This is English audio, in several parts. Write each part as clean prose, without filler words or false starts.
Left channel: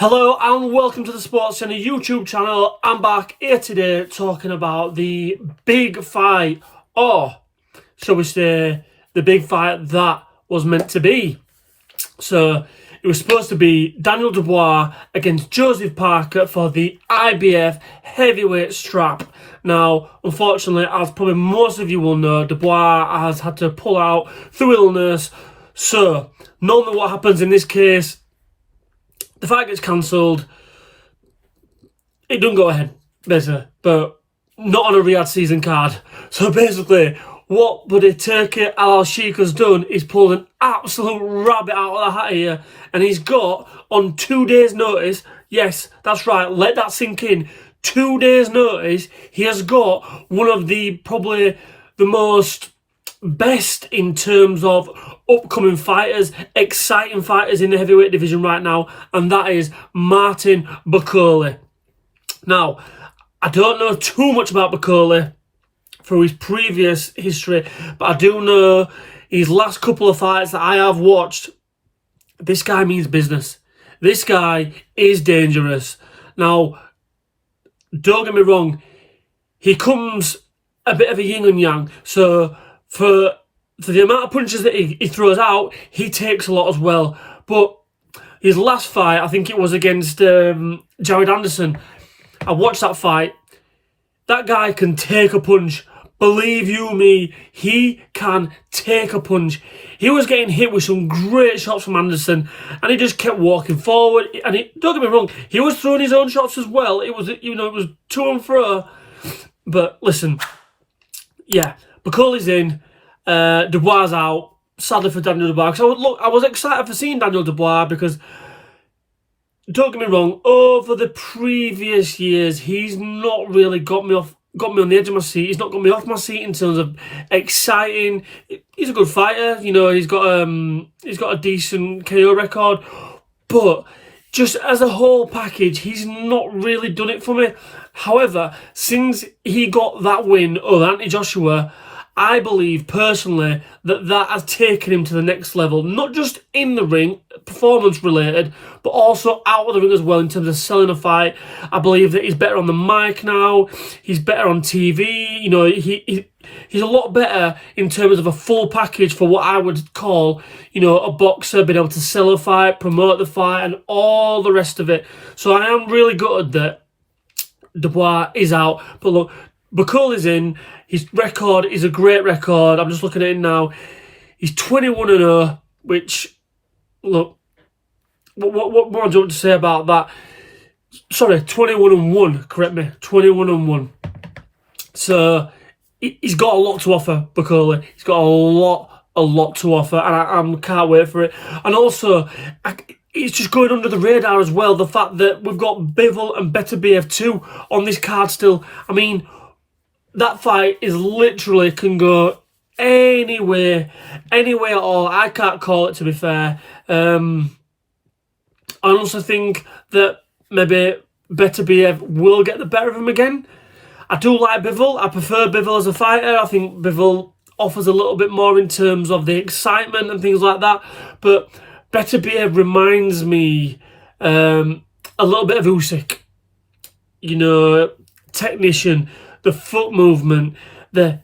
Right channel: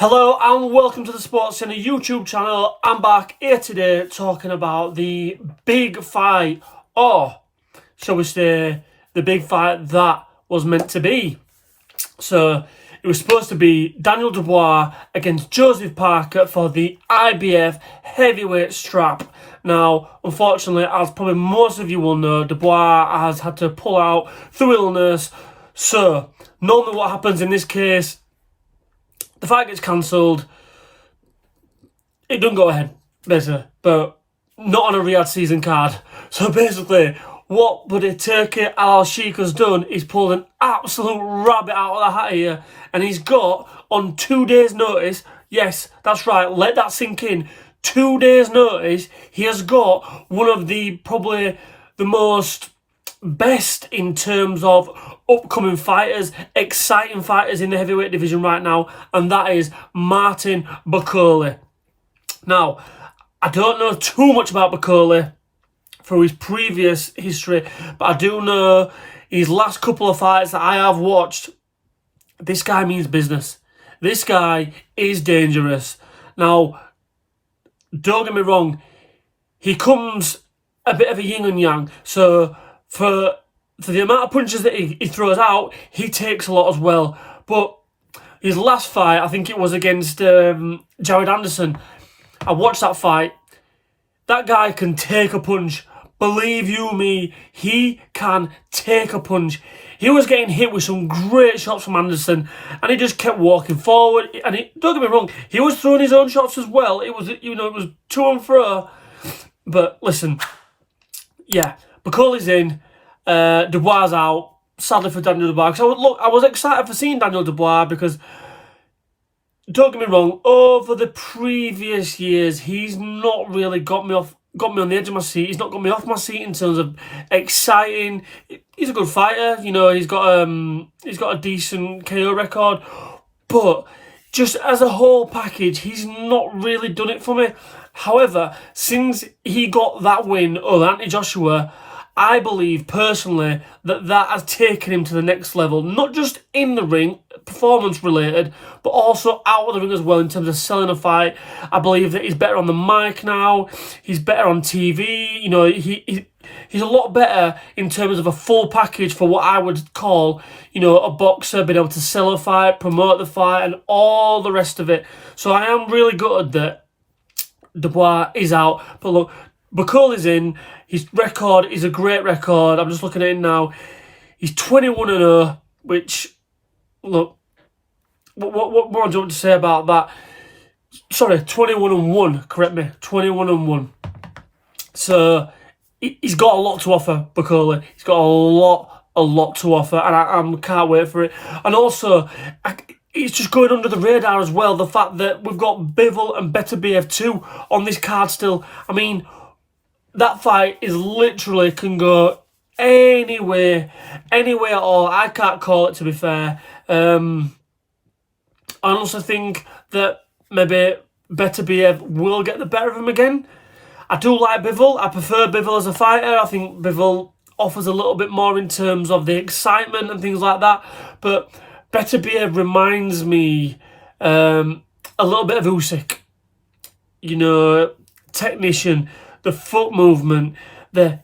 Hello and welcome to the Sports Centre YouTube channel. I'm back here today talking about the big fight, or shall we say, the big fight that was meant to be. So it was supposed to be Daniel Dubois against Joseph Parker for the IBF heavyweight strap. Now, unfortunately, as probably most of you will know, Dubois has had to pull out through illness. So normally what happens in this case, the fight gets cancelled. It doesn't go ahead, basically, but not on a Riyadh season card. So basically, what Buddy Turkey Al-Sheikh has done is pulled an absolute rabbit out of the hat here, and he's got, on 2 days' notice, yes, that's right, let that sink in, 2 days' notice, he has got one of the, probably the most best in terms of upcoming fighters, exciting fighters in the heavyweight division right now, and that is Martin BAKOLE. Now, I don't know too much about BAKOLE through his previous history, but I do know his last couple of fights that I have watched. This guy means business. This guy is dangerous. Now, don't get me wrong, he comes a bit of a yin and yang, so for the amount of punches that he throws out, he takes a lot as well. But his last fight, I think it was against Jared Anderson, I watched that fight. That guy can take a punch. Believe you me, he can take a punch. He was getting hit with some great shots from Anderson, and he just kept walking forward. And don't get me wrong, he was throwing his own shots as well. It was, it was to and fro. But listen, yeah, BAKOLE's in, Dubois out. Sadly for Daniel Dubois, because I was excited for seeing Daniel Dubois, because don't get me wrong, over the previous years he's not really got me on the edge of my seat. He's not got me off my seat in terms of exciting. He's a good fighter, he's got a decent KO record, but just as a whole package, he's not really done it for me. However, since he got that win over Anthony Joshua, I believe personally that has taken him to the next level, not just in the ring, performance related, but also out of the ring as well in terms of selling a fight. I believe that he's better on the mic now, he's better on TV, he's a lot better in terms of a full package for what I would call, a boxer, being able to sell a fight, promote the fight, and all the rest of it. So I am really gutted that Dubois is out, but look, BAKOLE's in. His record is a great record. I'm just looking at it now. He's 21-0, which, look, what more do you want to say about that? Sorry, 21-1, correct me, 21-1. So, he's got a lot to offer, BAKOLE. He's got a lot to offer, and I can't wait for it. And also, it's just going under the radar as well, the fact that we've got Bivol and Beterbiev too on this card still. I mean, that fight is literally can go anywhere at all. I can't call it, to be fair. I also think that maybe Beterbiev will get the better of him again. I do like Bivol. I prefer Bivol as a fighter. I think Bivol offers a little bit more in terms of the excitement and things like that. But Beterbiev reminds me a little bit of Usyk. Technician, the foot movement,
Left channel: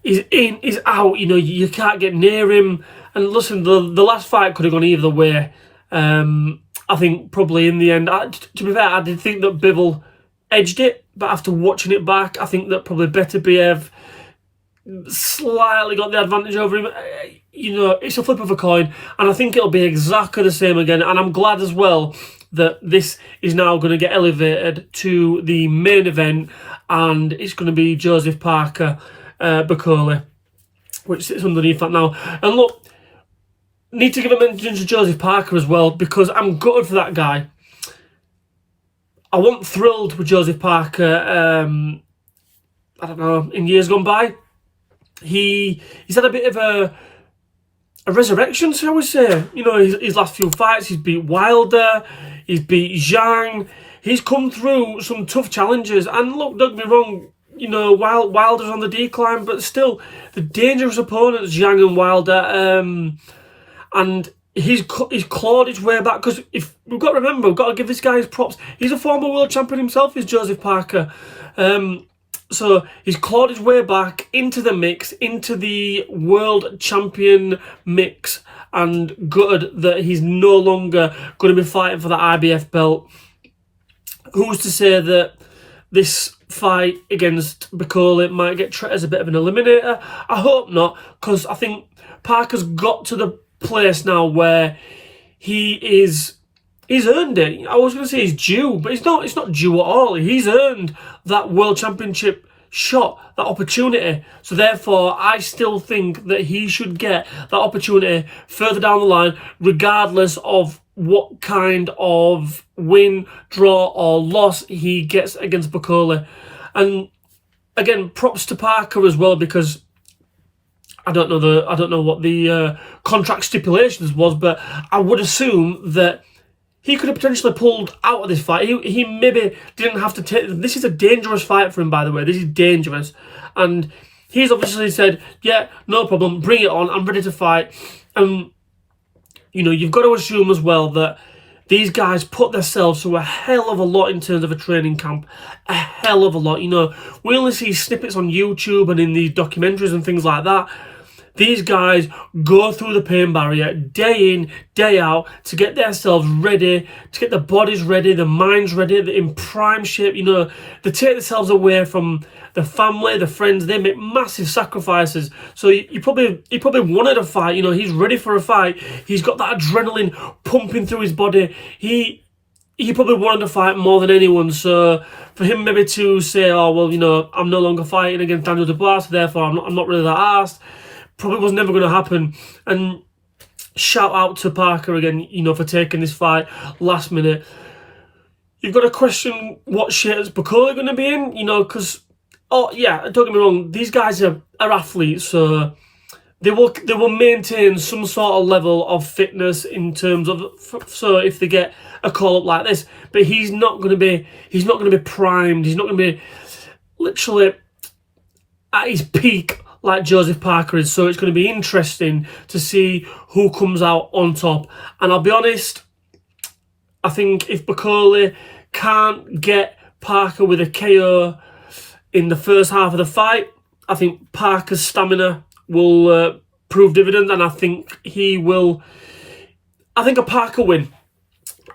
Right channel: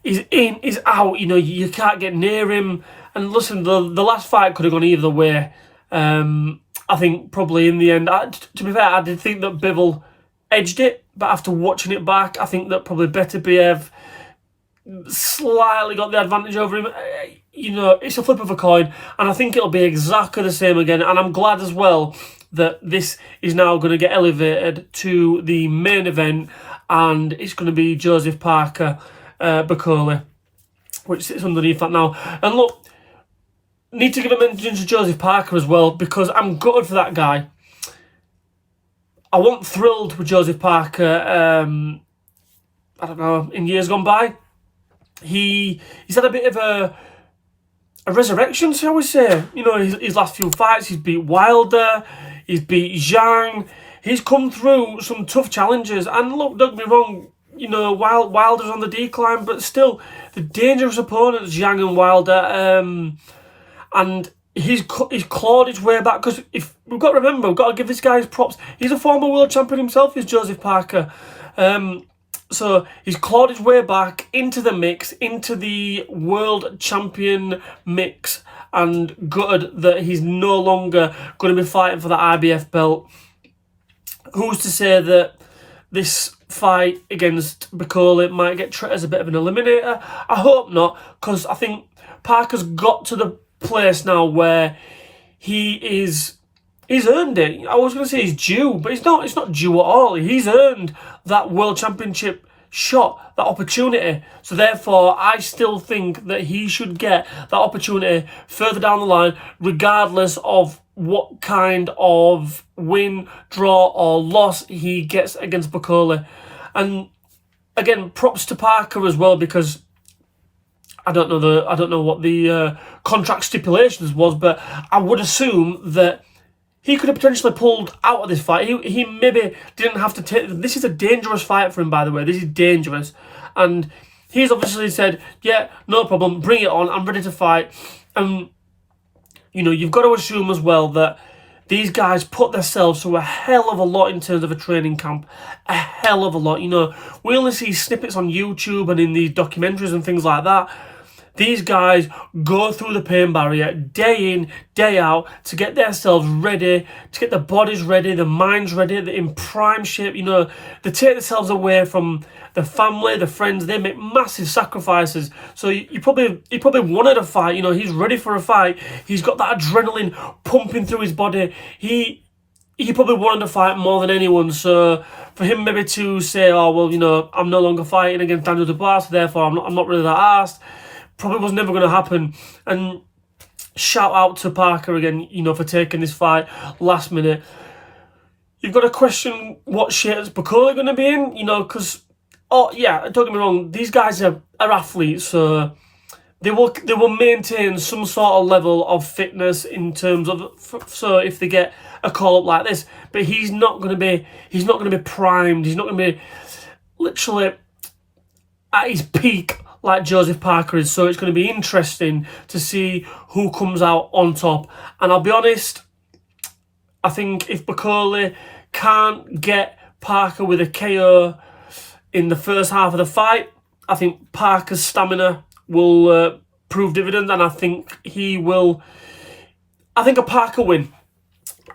he's in, he's out, you can't get near him. And listen, the last fight could have gone either way. I think probably in the end, to be fair, I did think that Bivol edged it, but after watching it back, I think that probably Beterbiev slightly got the advantage over him. It's a flip of a coin, and I think it'll be exactly the same again. And I'm glad as well that this is now going to get elevated to the main event, and it's going to be Joseph Parker, BAKOLE, which sits underneath that now. And look, need to give a mention to Joseph Parker as well, because I'm gutted for that guy. I wasn't thrilled with Joseph Parker, I don't know, in years gone by. He's had a bit of a resurrection, shall we say. His last few fights, he's beat Wilder, he's beat Zhang. He's come through some tough challenges, and look, don't get me wrong, Wilder's on the decline, but still, the dangerous opponents, Zhang and Wilder, and he's clawed his way back, because if we've got to remember, we've got to give this guy his props. He's a former world champion himself, is Joseph Parker. So he's clawed his way back into the mix, into the world champion mix, and gutted that he's no longer going to be fighting for the IBF belt. Who's to say that this fight against BAKOLE might get treated as a bit of an eliminator? I hope not, because I think Parker's got to the place now where he's earned it. I was going to say he's due, but it's not due at all. He's earned that world championship shot, that opportunity. So therefore, I still think that he should get that opportunity further down the line, regardless of what kind of win, draw or loss he gets against BAKOLE. And again, props to Parker as well, because I don't know what the contract stipulations was, but I would assume that he could have potentially pulled out of this fight. He maybe didn't have to take... This is a dangerous fight for him, by the way. This is dangerous. And he's obviously said, yeah, no problem, bring it on, I'm ready to fight. And, you know, you've got to assume as well that these guys put themselves through a hell of a lot in terms of a training camp. A hell of a lot. You know, we only see snippets on YouTube and in these documentaries and things like that. These guys go through the pain barrier day in, day out to get themselves ready, to get their bodies ready, their minds ready, they're in prime shape. You know, they take themselves away from the family, the friends. They make massive sacrifices. So he probably wanted a fight. You know, he's ready for a fight. He's got that adrenaline pumping through his body. He probably wanted to fight more than anyone. So for him maybe to say, oh, well, you know, I'm no longer fighting against Daniel Dubois, so therefore I'm not really that arsed, probably was never going to happen. And shout out to Parker again, you know, for taking this fight last minute. You've got to question what shape is BAKOLE going to be in, you know, because, oh yeah, don't get me wrong, these guys are athletes, so they will maintain some sort of level of fitness in terms of, so if they get a call up like this, but he's not going to be primed. He's not going to be literally at his peak like Joseph Parker is. So it's going to be interesting to see who comes out on top. And I'll be honest, I think if BAKOLE can't get Parker with a KO in the first half of the fight, I think Parker's stamina will prove dividends, and I think he will. I think a Parker win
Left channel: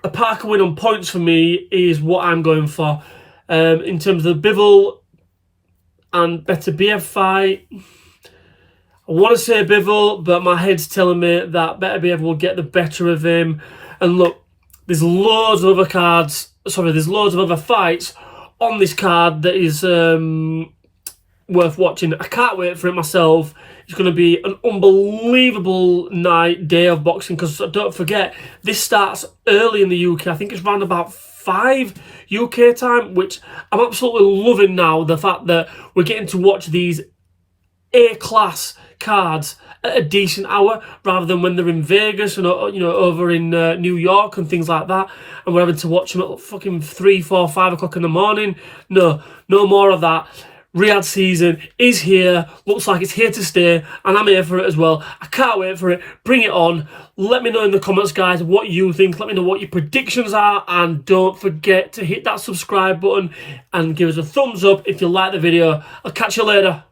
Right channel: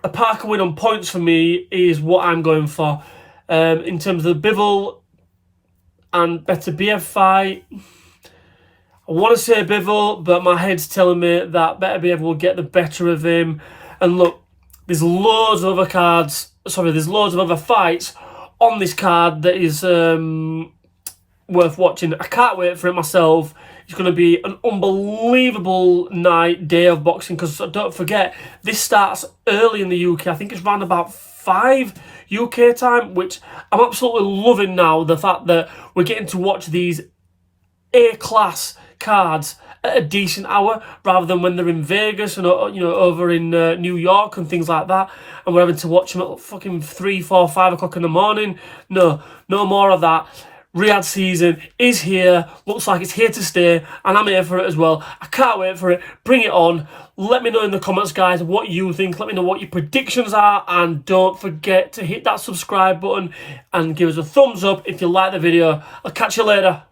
on points for me is what I'm going for. In terms of the Bivol and Beterbiev fight, I want to say Bivol, but my head's telling me that Beterbiev will get the better of him. And look, there's loads of other fights on this card that is worth watching. I can't wait for it myself. It's going to be an unbelievable day of boxing, because don't forget, this starts early in the UK. I think it's around about 5 UK time, which I'm absolutely loving now, the fact that we're getting to watch these A-class cards at a decent hour, rather than when they're in Vegas and, you know, over in New York and things like that, and we're having to watch them at fucking 3, 4, 5 o'clock in the morning. No more of that. Riyadh season is here. Looks like it's here to stay, and I'm here for it as well. I can't wait for it. Bring it on. Let me know in the comments, guys, what you think. Let me know what your predictions are, and don't forget to hit that subscribe button and give us a thumbs up if you like the video. I'll catch you later.